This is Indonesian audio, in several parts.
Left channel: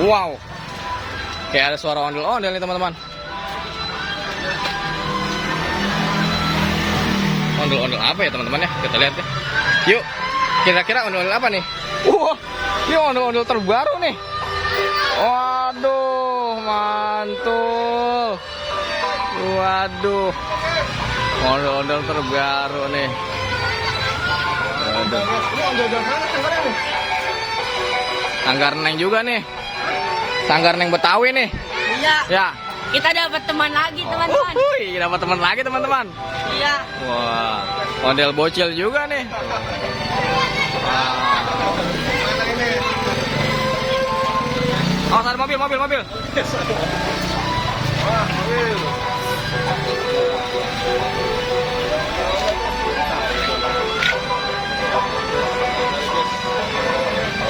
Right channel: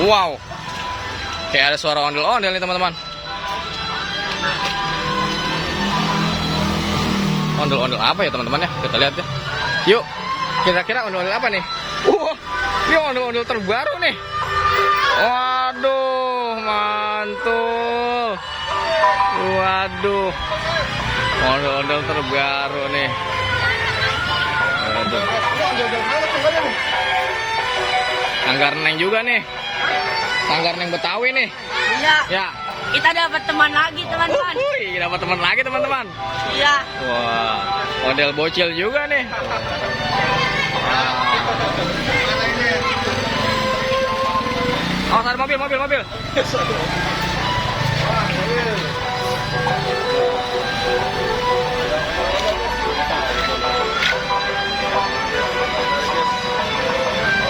Wow. Kayak ada suara ondel-ondel nih teman-teman. Ondel-ondel apa ya teman-teman ya? Kita lihat ya. Yuk. Kira-kira ondel-ondel apa nih? Ini ondel-ondel terbaru nih. Waduh, mantul. Waduh. Ondel-ondel terbaru nih. Waduh. Sanggar Neng juga nih. Sanggar Neng Betawi nih. Iya. Ya. Kita dapat teman lagi, teman-teman. Dapat teman lagi teman-teman. Iya. Wah, model bocil juga nih. Oh, ada mobil.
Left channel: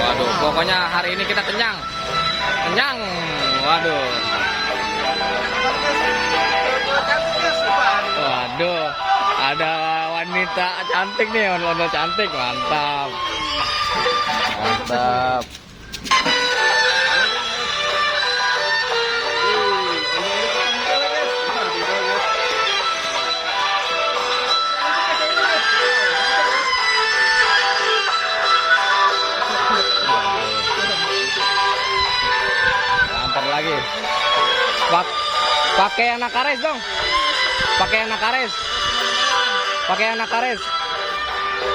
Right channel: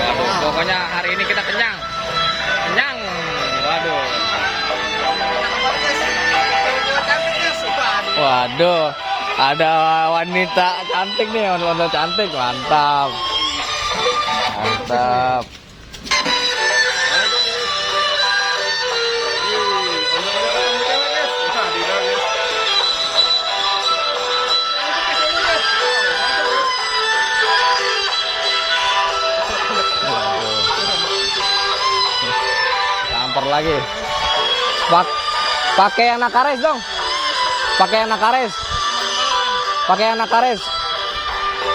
Waduh, pokoknya hari ini kita kenyang. Waduh. Waduh, ada wanita cantik nih, ondel-ondel cantik, mantap. Tampar lagi. Pakai yang nakares dong. Pakai yang nakares.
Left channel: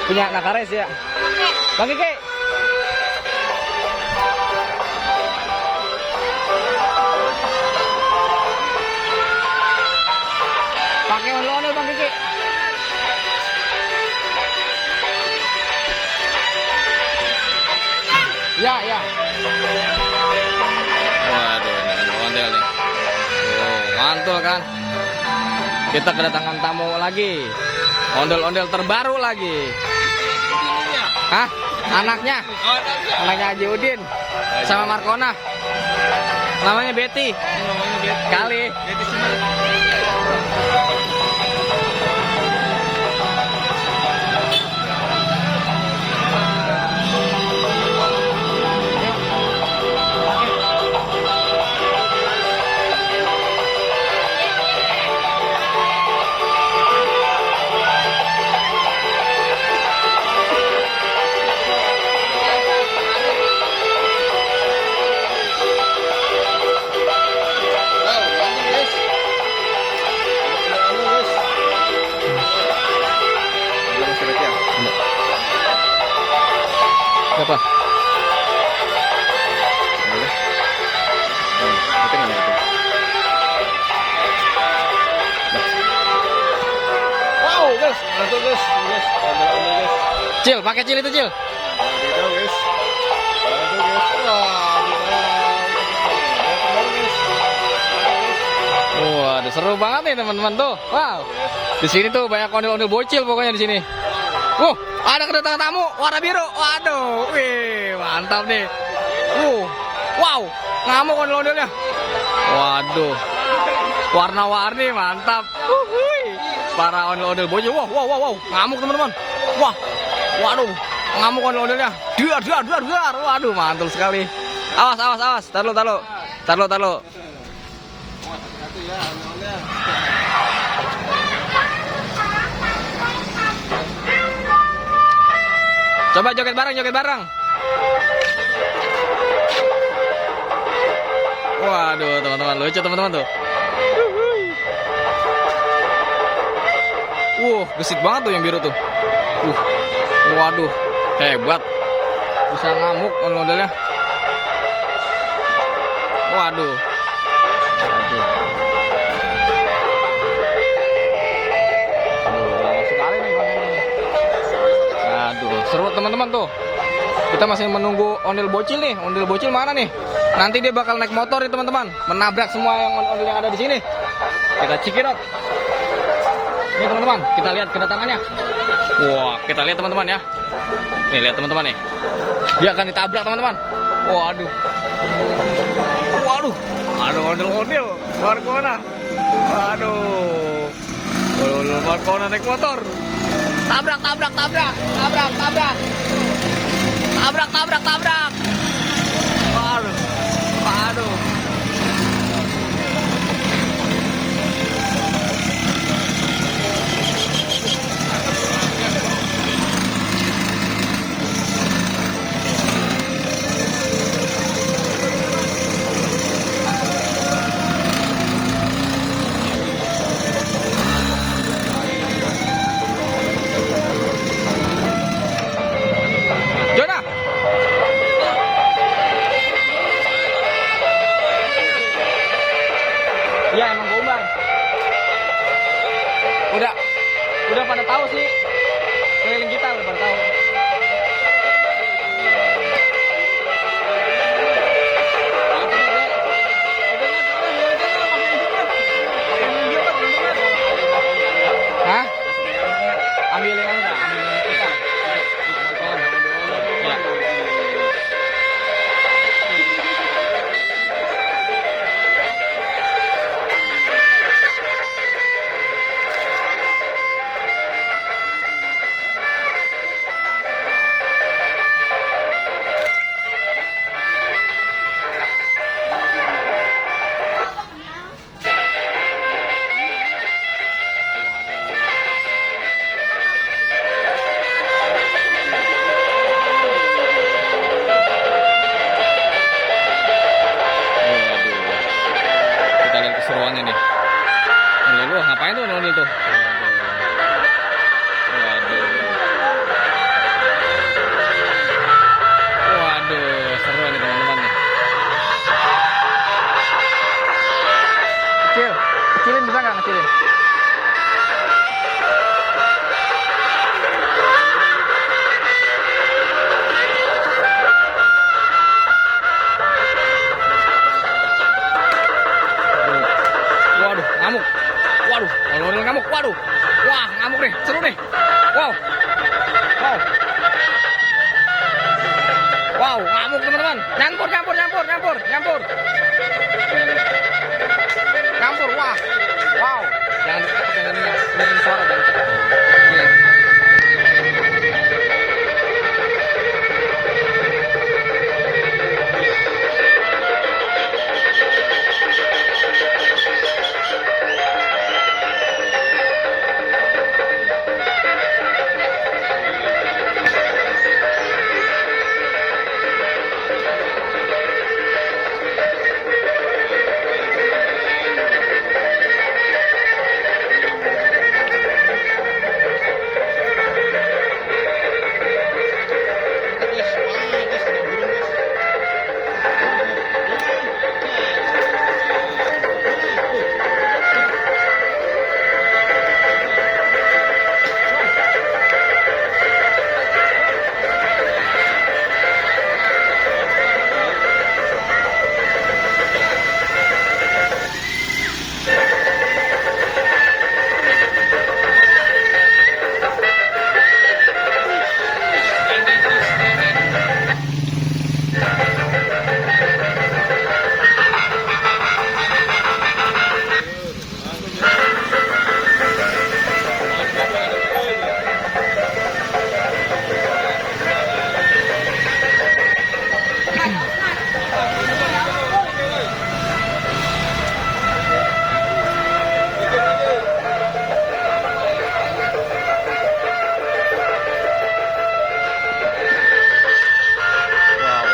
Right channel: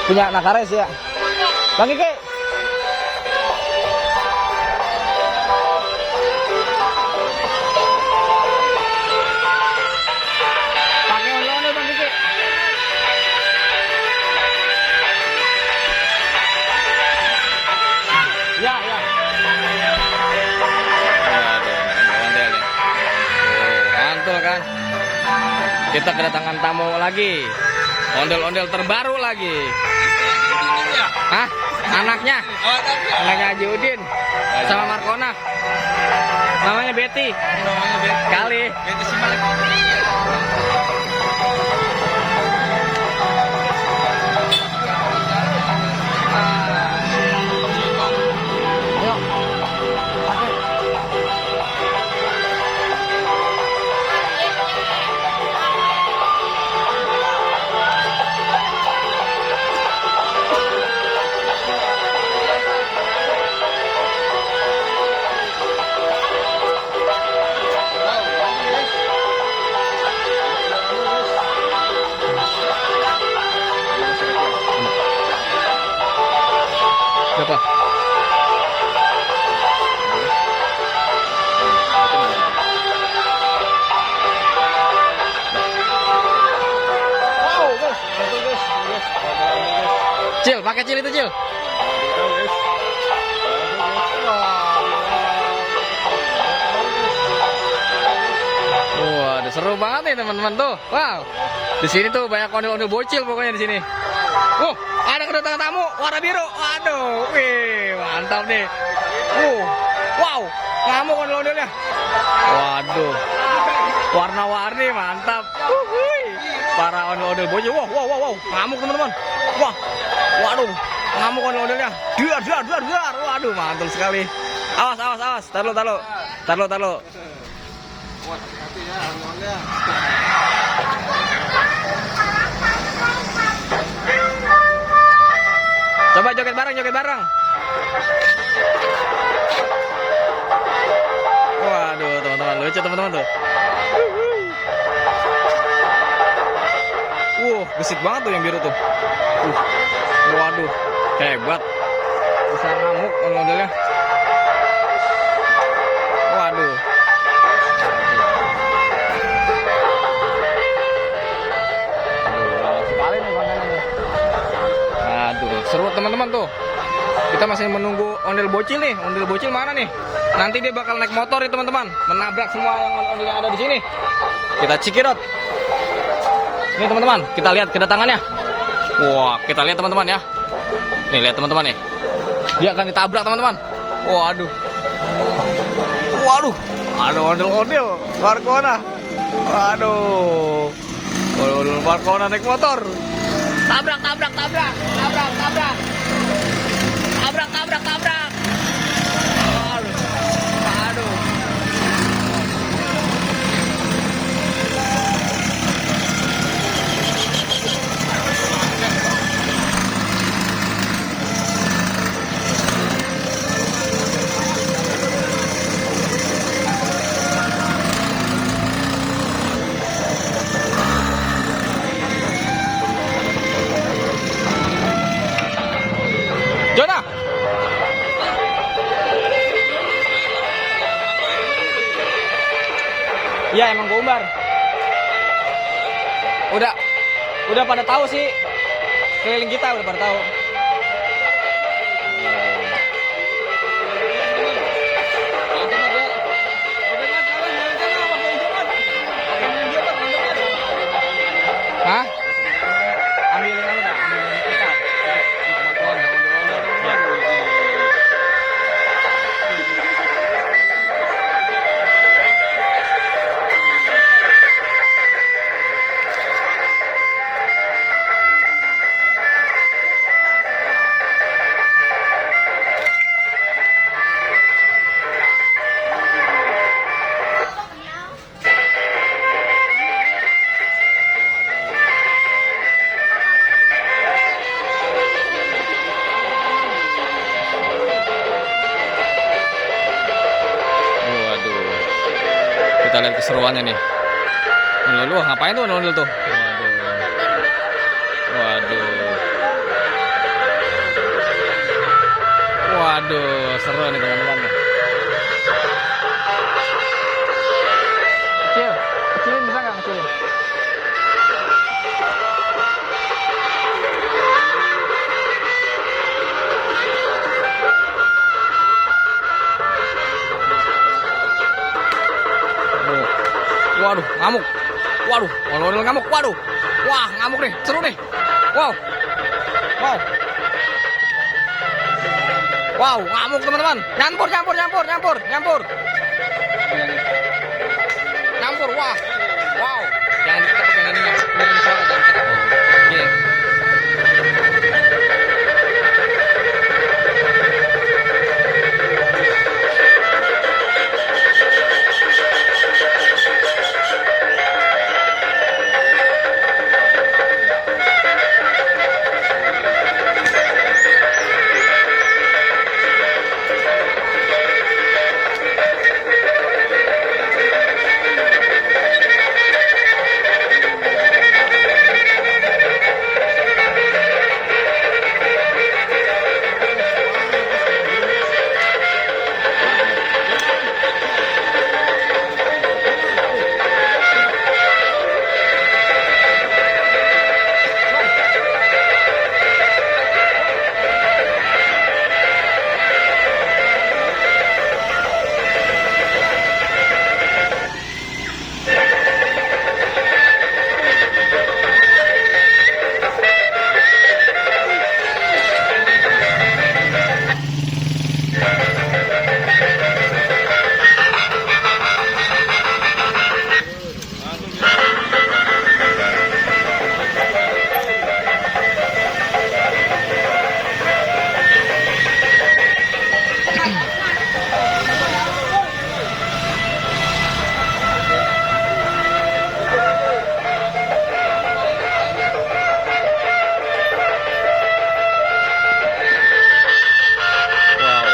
Punya nakares ya. Bang Kiki. Pakai ondel-ondel Bang Kiki. Ya. Waduh, ondel nih. Oh, mantul kan? Kita kedatangan tamu lagi. Ondel-ondel terbaru lagi. Hah? Anaknya Haji Udin sama Markona. Namanya Betty. Kali. Siapa? Cil, pakai Cil itu Cil. Wah, seru banget nih teman-teman tuh. Wow. Di sini tuh banyak ondel-ondel bocil pokoknya di sini. Ada kedatangan tamu warna biru. Waduh, wih, mantap nih. Wow, ngamuk ondel-ondelnya. Waduh, warna-warni mantap. Para ondel-ondel bocil. Wow, ngamuk teman-teman. Waduh, ngamuk ondel-ondelnya. Dar. Waduh, mantul sekali. Awas. Taruh. Coba joget bareng. Waduh, teman-teman, lucu teman-teman tuh. Gesit banget tuh yang biru tuh. Waduh, hebat. Bisa ngamuk ondel-ondelnya. Waduh. Sekali nih kontennya nih. Aduh, seru teman-teman tuh. Kita masih menunggu ondel bocil nih. Ondel bocil mana nih? Nanti dia bakal naik motor nih teman-teman, menabrak semua yang ondel yang ada di sini. Kita cekidot. Nih teman-teman, kita lihat kedatangannya. Wah, kita lihat teman-teman ya. Nih lihat teman-teman nih. Dia akan ditabrak teman-teman. Waduh. Ada ondel-ondel Markona. Waduh. Markona naik motor. Tabrak. Waduh. Ya emang Gombar. Udah pada tahu sih. Keliling kita udah pada tahu. Hah? Ambilin anu dah, ambilin kita. Ya. Waduh. Kita lihat keseruannya nih. Lu ngapain tuh nondol tuh? Waduh. Waduh. Waduh, seru nih teman-teman nih. Kecilin bisa nggak ngecilin? Waduh, ngamuk. Waduh, kalau ngamuk. Waduh. Wah, ngamuk nih. Seru nih. Wow. Wow. Wow, ngamuk teman-teman. Nyampur. Nyampur, wah. Wow. Jangan diketok yang ininya. Ini suara jangan diketok. Iya.